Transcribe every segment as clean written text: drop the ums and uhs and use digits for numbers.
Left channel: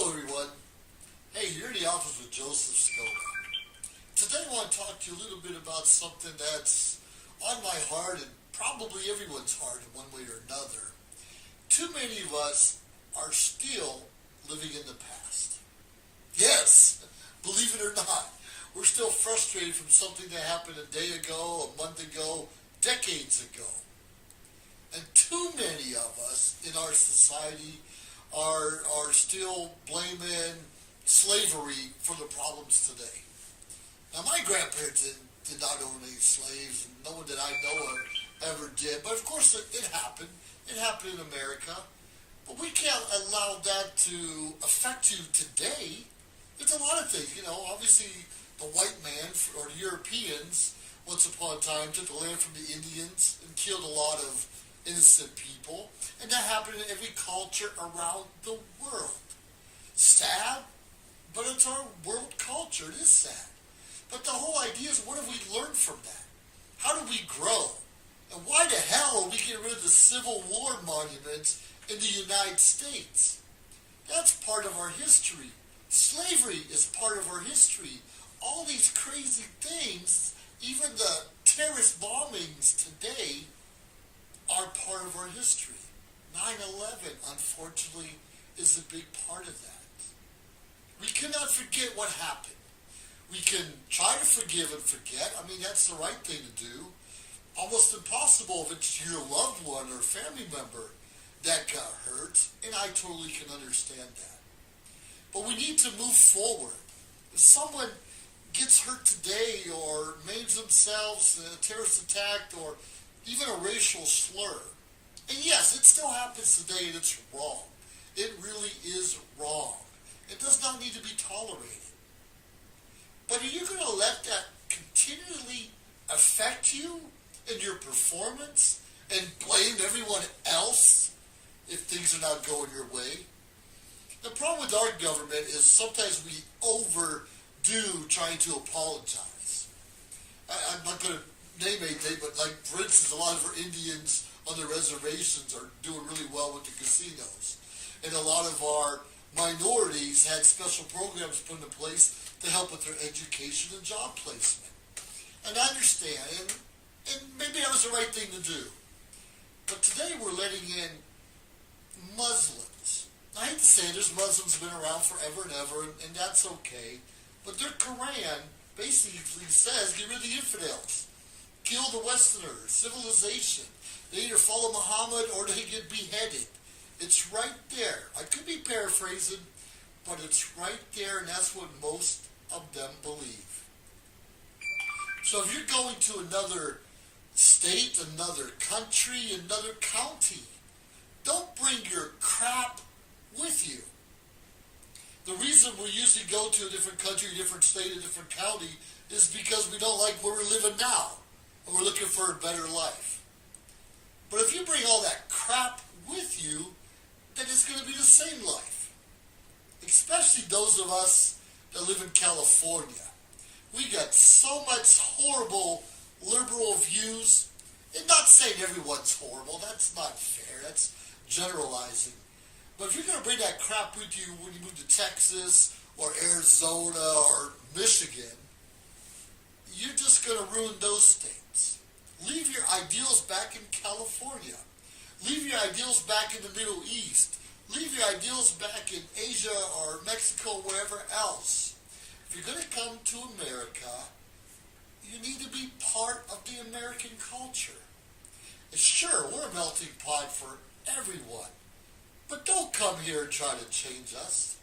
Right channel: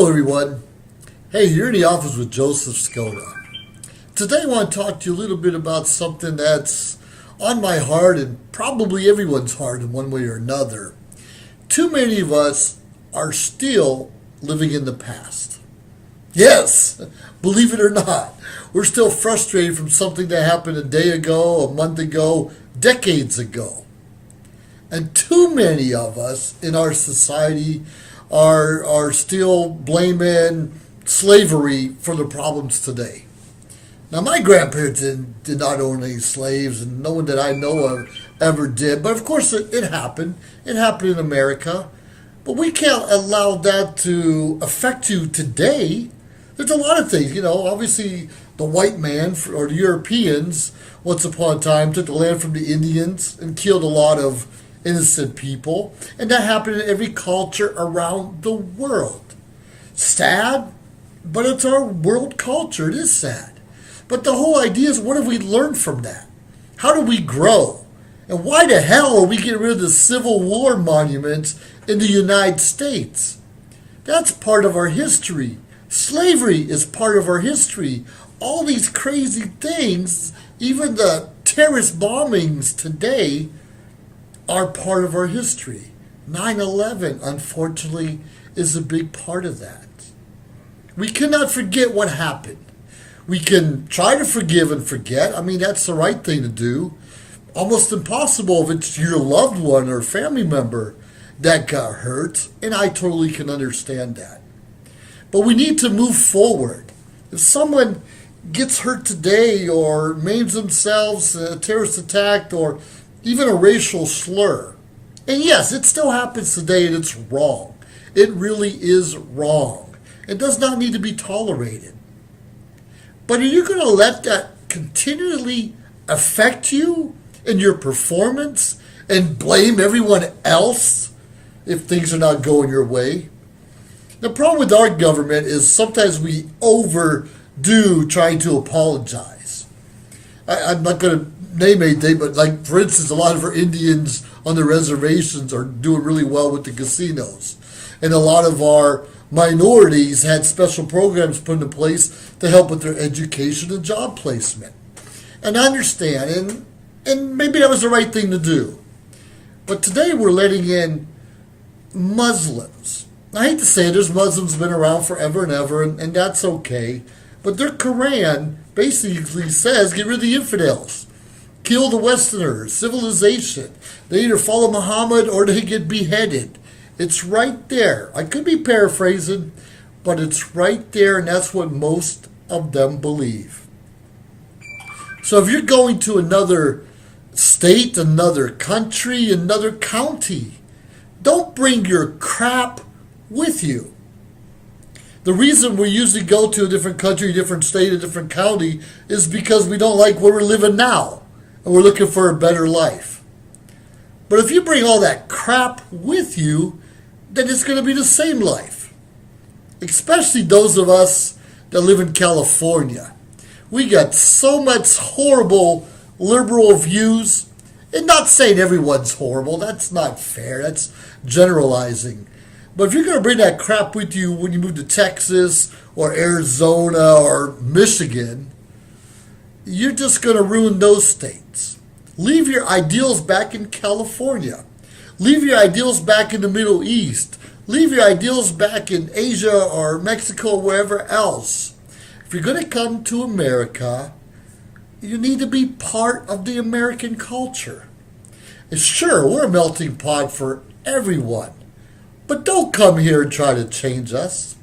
Hello, everyone. Hey, you're in the office with Joseph Skoda. Today, I want to talk to you a little bit about something that's on my heart and probably everyone's heart in one way or another. Too many of us are still living in the past. Yes, believe it or not, we're still frustrated from something that happened a day ago, a month ago, decades ago. And too many of us in our society are still blaming slavery for the problems today. Now, my grandparents did not own any slaves, and no one that I know of ever did. But of course, it happened. It happened in America. But we can't allow that to affect you today. There's a lot of things, obviously the white man or the Europeans once upon a time took the land from the Indians and killed a lot of innocent people, and that happened in every culture around the world. Sad, but it's our world culture. It is sad. But the whole idea is, what have we learned from that? How do we grow? And why the hell are we getting rid of the Civil War monuments in the United States? That's part of our history. Slavery is part of our history. All these crazy things, even the terrorist bombings today, are part of our history. 9/11, unfortunately, is a big part of that. We cannot forget what happened. We can try to forgive and forget. I mean, that's the right thing to do. Almost impossible if it's your loved one or family member that got hurt, and I totally can understand that. But we need to move forward. If someone gets hurt today or maims themselves, a terrorist attack, or even a racial slur. And yes, it still happens today, and it's wrong. It really is wrong. It does not need to be tolerated. But are you going to let that continually affect you in your performance and blame everyone else if things are not going your way? The problem with our government is sometimes we overdo trying to apologize. I'm not going to name anything, but like, for instance, a lot of our Indians on the reservations are doing really well with the casinos. And a lot of our minorities had special programs put into place to help with their education and job placement. And I understand, and maybe that was the right thing to do. But today we're letting in Muslims. I hate to say it, there's Muslims been around forever and ever, and that's okay. But their Quran basically says, get rid of the infidels. Kill the Westerners, civilization. They either follow Muhammad or they get beheaded. It's right there. I could be paraphrasing, but it's right there, and that's what most of them believe. So if you're going to another state, another country, another county, don't bring your crap with you. The reason we usually go to a different country, a different state, a different county is because we don't like where we're living now. And we're looking for a better life. But if you bring all that crap with you, then it's going to be the same life. Especially those of us that live in California. We got so much horrible liberal views. And not saying everyone's horrible. That's not fair. That's generalizing. But if you're going to bring that crap with you when you move to Texas or Arizona or Michigan, you're just going to ruin those states. Leave your ideals back in California. Leave your ideals back in the Middle East. Leave your ideals back in Asia or Mexico or wherever else. If you're going to come to America, you need to be part of the American culture. And sure, we're a melting pot for everyone. But don't come here and try to change us.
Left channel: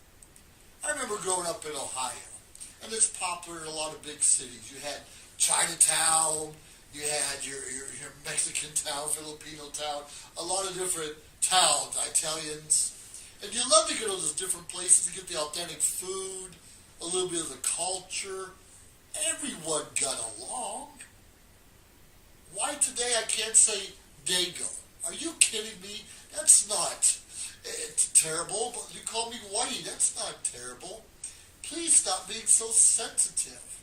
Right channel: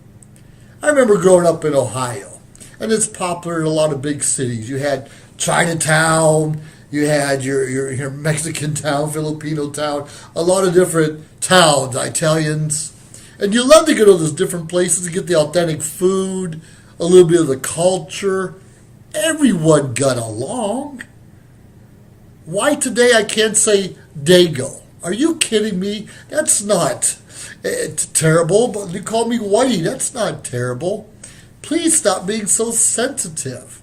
I remember growing up in Ohio. And it's popular in a lot of big cities. You had Chinatown, you had your Mexican town, Filipino town, a lot of different towns, Italians. And you love to go to those different places to get the authentic food, a little bit of the culture. Everyone got along. Why today I can't say Dago? Are you kidding me? That's not terrible, but you call me Whitey. That's not terrible. Please stop being so sensitive.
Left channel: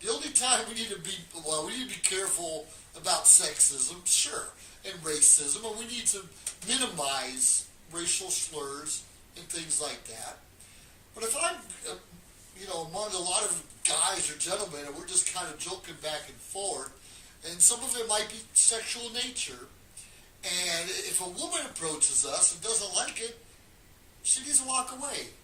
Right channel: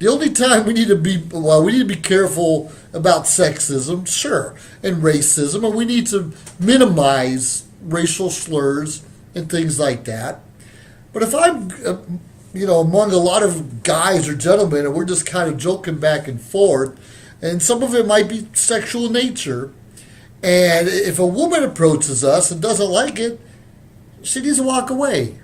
The only time we need to be careful about sexism, sure, and racism, and we need to minimize racial slurs and things like that. But if I'm, among a lot of guys or gentlemen, and we're just kind of joking back and forth, and some of it might be sexual nature, and if a woman approaches us and doesn't like it, she needs to walk away.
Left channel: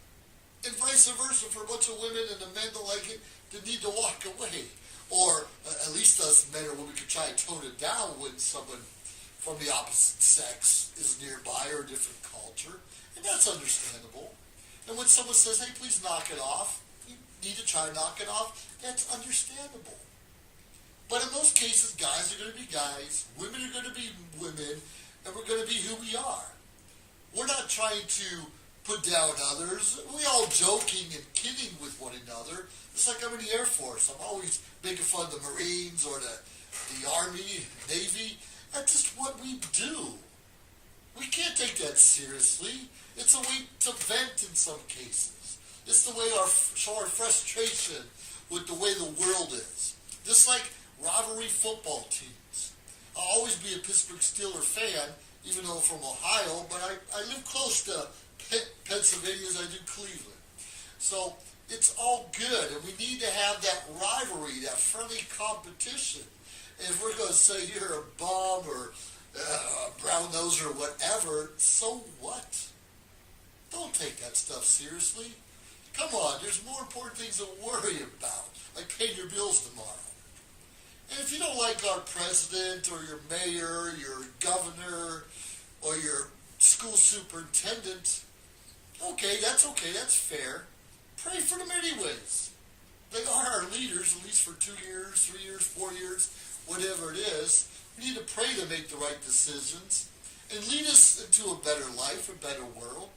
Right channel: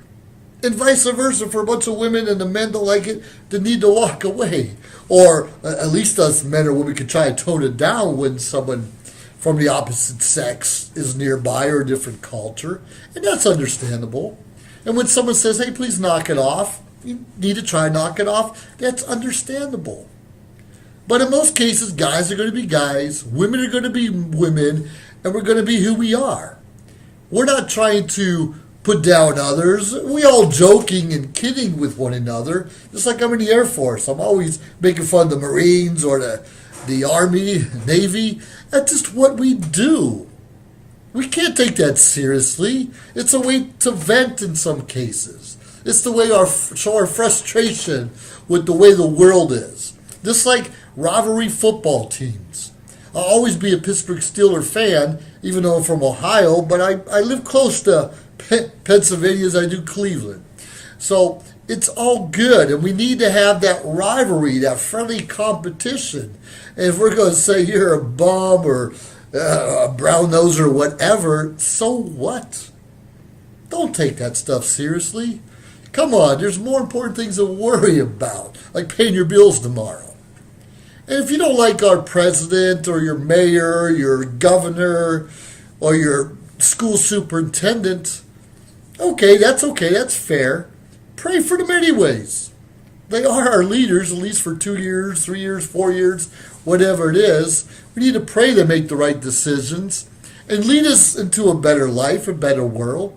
And vice versa for a bunch of women and the men don't like it, they need to walk away. Or at least us men or women can try to tone it down when someone from the opposite sex is nearby or a different culture. And that's understandable. And when someone says, hey, please knock it off, you need to try and knock it off, that's understandable. But in most cases, guys are going to be guys, women are going to be women, and we're going to be who we are. We're not trying to put down others. We all joking and kidding with one another. Just like I'm in the Air Force. I'm always making fun of the Marines or the Army, Navy. That's just what we do. We can't take that seriously. It's a way to vent in some cases. It's the way show our frustration with the way the world is. Just like rivalry football teams. I'll always be a Pittsburgh Steelers fan, even though I'm from Ohio, but I live close to Pennsylvania as I do Cleveland. So it's all good, and we need to have that rivalry, that friendly competition. And if we're going to say you're a bum or a brown nose or whatever, so what? Don't take that stuff seriously. Come on, there's more important things to worry about, like paying your bills tomorrow. And if you don't like our president or your mayor, your governor, or your school superintendent, okay, that's fair. Pray for them anyways. They are our leaders, at least for 2 years, 3 years, 4 years, whatever it is. We need to pray they make the right decisions and lead us into a better life, a better world.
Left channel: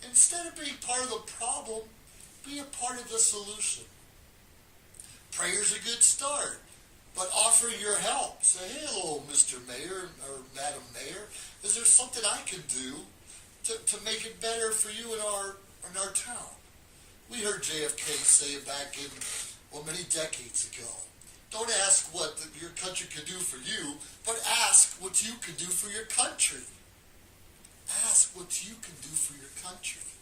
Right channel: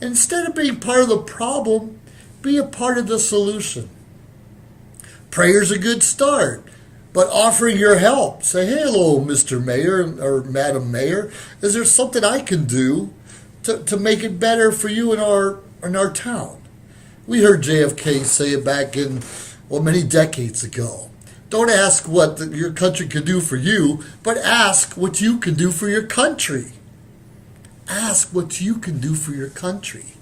And instead of being part of the problem, be a part of the solution. Prayer's a good start. But offering your help, say, hey, hello, Mr. Mayor or Madam Mayor, is there something I can do to make it better for you in our town? We heard JFK say it back in, many decades ago. Don't ask what your country can do for you, but ask what you can do for your country. Ask what you can do for your country.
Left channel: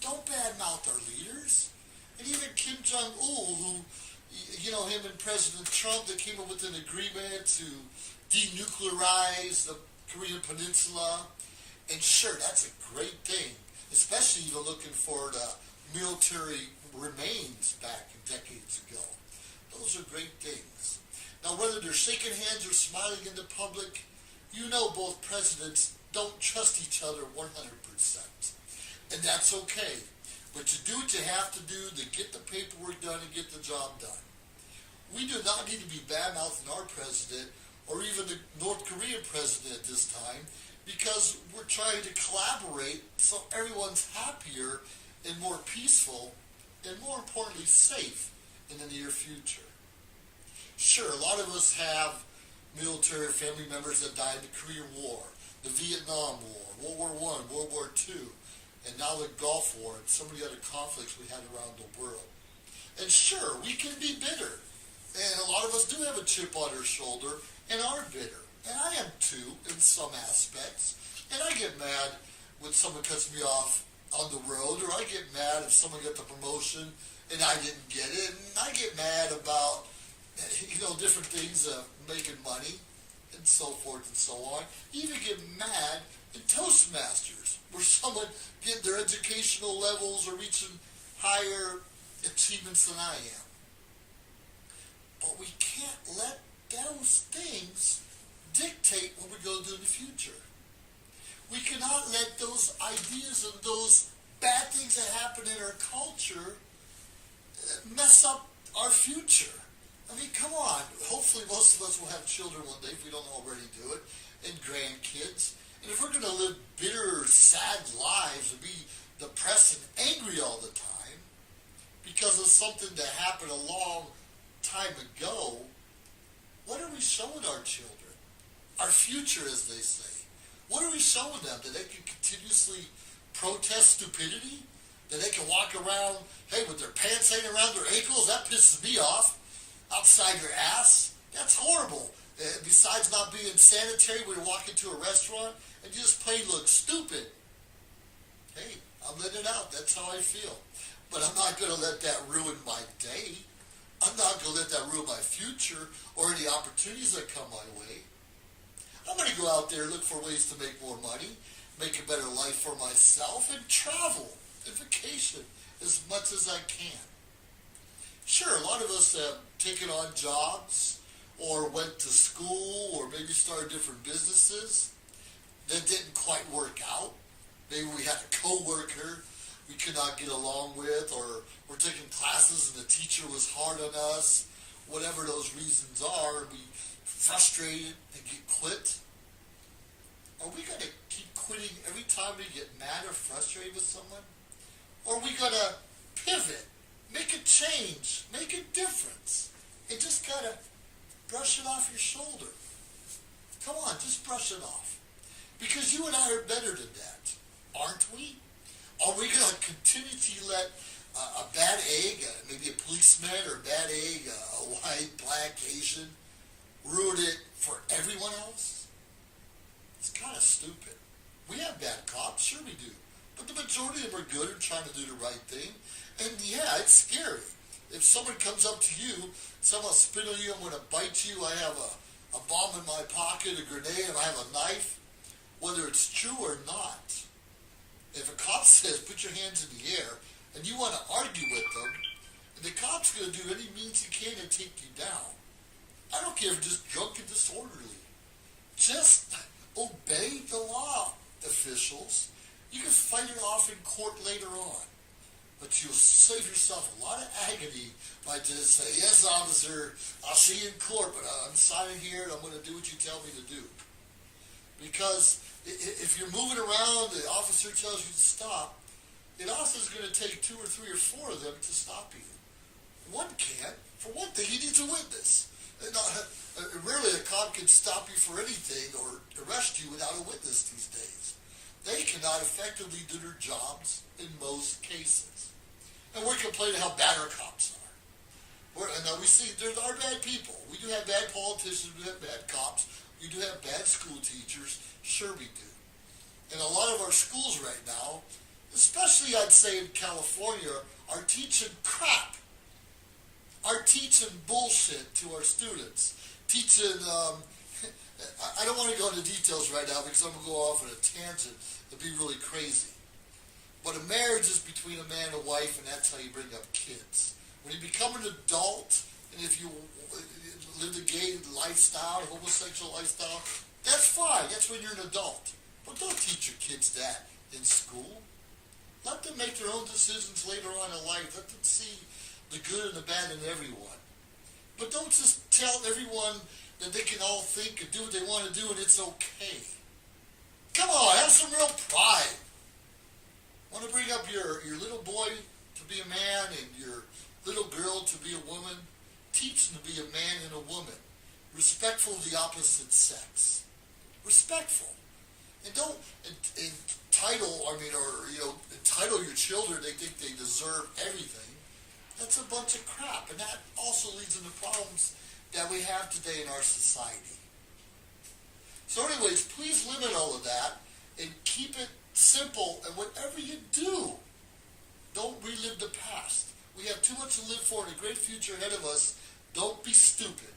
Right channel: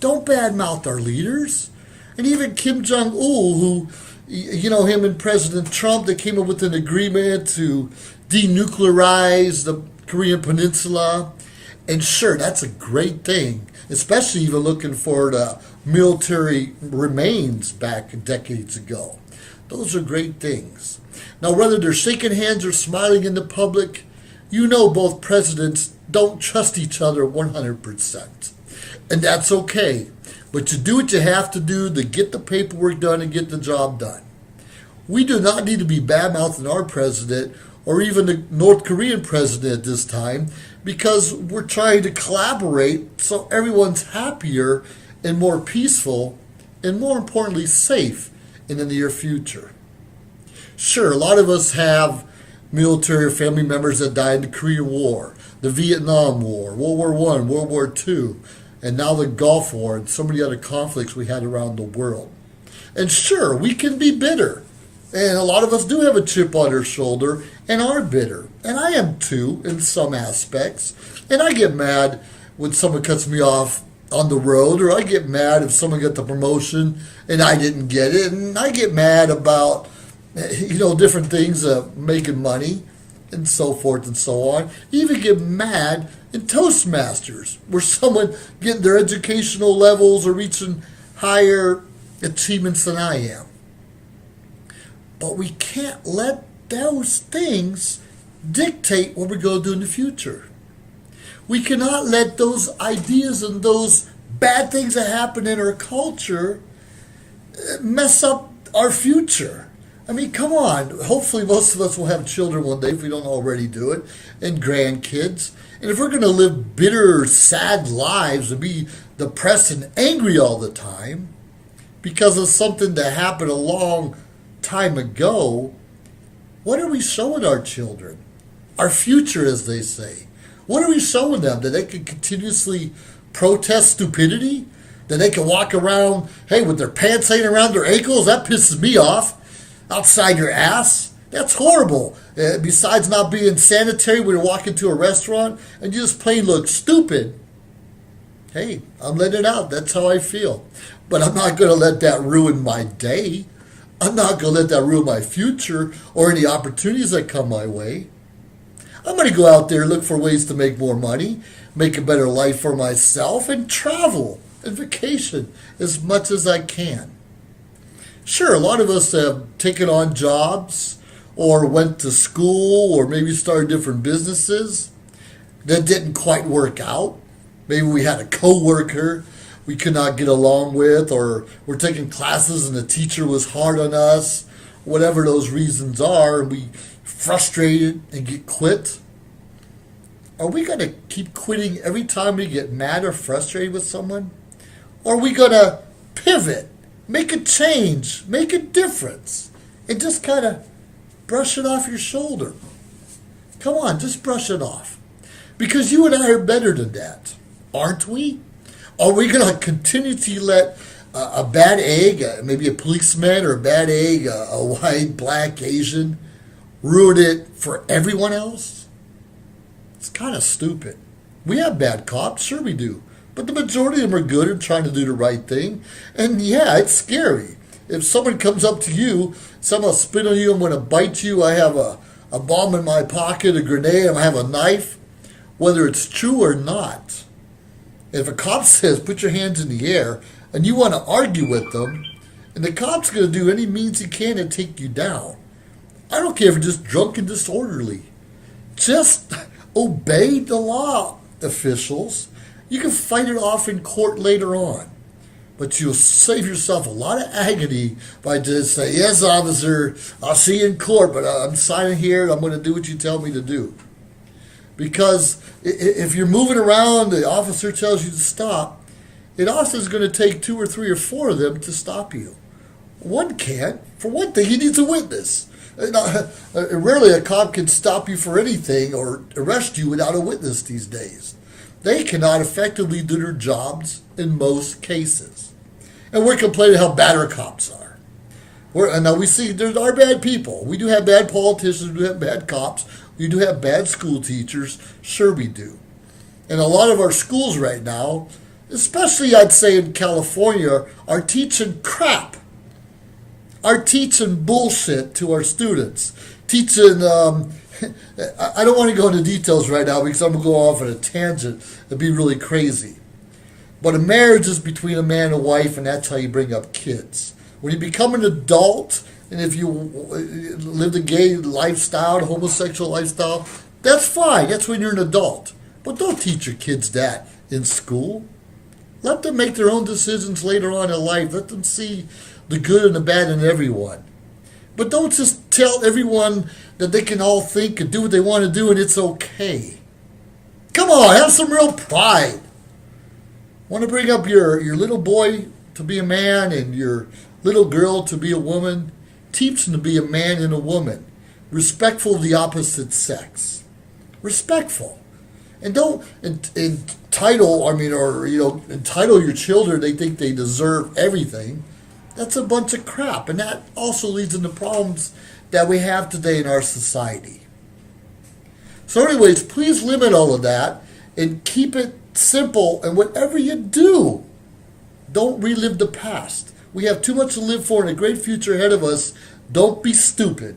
Don't badmouth our leaders. And even Kim Jong-il, who, him and President Trump, they came up with an agreement to denuclearize the Korean Peninsula. And sure, that's a great thing, especially even looking for the military remains back decades ago. Those are great things. Now, whether they're shaking hands or smiling in the public, both presidents don't trust each other 100%. And that's okay. But you do what you have to do to get the paperwork done and get the job done. We do not need to be bad-mouthing our president or even the North Korean president at this time because we're trying to collaborate so everyone's happier and more peaceful and more importantly safe in the near future. Sure, a lot of us have military or family members that died in the Korean War, the Vietnam War, World War I, World War II, and now the Gulf War and so many other conflicts we had around the world. And sure, we can be bitter. And a lot of us do have a chip on our shoulder and are bitter. And I am too, in some aspects. And I get mad when someone cuts me off on the road, or I get mad if someone got the promotion and I didn't get it. And I get mad about, different things, making money and so forth and so on. Even get mad in Toastmasters, where someone getting their educational levels or reaching higher achievements than I am. But we can't let those things dictate what we're going to do in the future. We cannot let those ideas and those bad things that happen in our culture mess up our future. I mean, come on. Hopefully most of us will have children one day if we don't already do it, and grandkids. And if we're going to live bitter, sad lives and be depressed and angry all the time because of something that happened a long time ago, what are we showing our children? Our future, as they say. What are we showing them? That they can continuously protest stupidity? That they can walk around, with their pants hanging around their ankles? That pisses me off. Outside your ass? That's horrible. Besides not being sanitary when you walk into a restaurant and you just plain look stupid. Hey, I'm letting it out. That's how I feel. but I'm not going to let that ruin my day. I'm not going to let that ruin my future or any opportunities that come my way. I'm going to go out there and look for ways to make more money, make a better life for myself, and travel and vacation as much as I can. Sure, a lot of us have taken on jobs or went to school or maybe started different businesses that didn't quite work out. Maybe we had a coworker we could not get along with, or we're taking classes and the teacher was hard on us. Whatever those reasons are, we frustrated and get quit. Are we going to keep quitting every time we get mad or frustrated with someone? Or are we going to pivot, make a change, make a difference, and just kind of brush it off your shoulder? Come on, just brush it off. Because you and I are better than that, aren't we? Are we going to continue to let a bad egg, maybe a policeman, or a bad egg, a white, black, Asian, ruin it for everyone else? It's kind of stupid. We have bad cops, sure we do. But the majority of them are good and trying to do the right thing. And yeah, it's scary. If someone comes up to you, someone will spit on you, I'm going to bite you, I have a bomb in my pocket, a grenade, I have a knife, whether it's true or not. If a cop says, put your hands in the air, and you want to argue with them, and the cop's going to do any means he can to take you down. I don't care if you're just drunk and disorderly. Just obey the law, officials. You can fight it off in court later on. But you'll save yourself a lot of agony by just saying, yes, officer, I'll see you in court, but I'm signing here and I'm going to do what you tell me to do. Because if you're moving around, the officer tells you to stop, it also is going to take 2 or 3 or 4 of them to stop you. One can't. For one thing, he needs a witness. Rarely a cop can stop you for anything or arrest you without a witness these days. They cannot effectively do their jobs in most cases. And we're complaining how bad our cops are. And now we see there are bad people. We do have bad politicians, we do have bad cops, we do have bad school teachers, sure we do. And a lot of our schools right now, especially I'd say in California, are teaching crap. Are teaching bullshit to our students. Teaching, I don't want to go into details right now because I'm going to go off on a tangent. It'd be really crazy. But a marriage is between a man and a wife, and that's how you bring up kids. When you become an adult, and if you live the gay lifestyle, the homosexual lifestyle, that's fine. That's when you're an adult. But don't teach your kids that in school. Let them make their own decisions later on in life. Let them see the good and the bad in everyone. But don't just tell everyone that they can all think and do what they want to do and it's okay. Come on, have some real pride. Want to bring up your little boy to be a man and your little girl to be a woman? Teach them to be a man and a woman. Respectful of the opposite sex. Respectful. And don't entitle your children, they think they deserve everything. That's a bunch of crap. And that also leads into problems that we have today in our society. So anyways, please limit all of that and keep it simple. And whatever you do, don't relive the past. We have too much to live for and a great future ahead of us. Don't be stupid.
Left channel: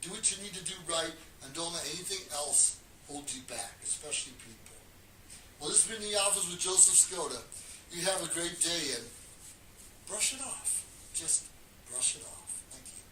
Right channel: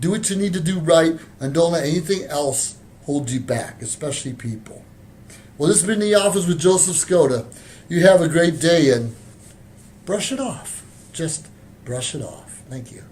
Do what you need to do right and don't let anything else hold you back, especially people. Well, this has been The Office with Joseph Skoda. You have a great day and brush it off. Just brush it off. Thank you.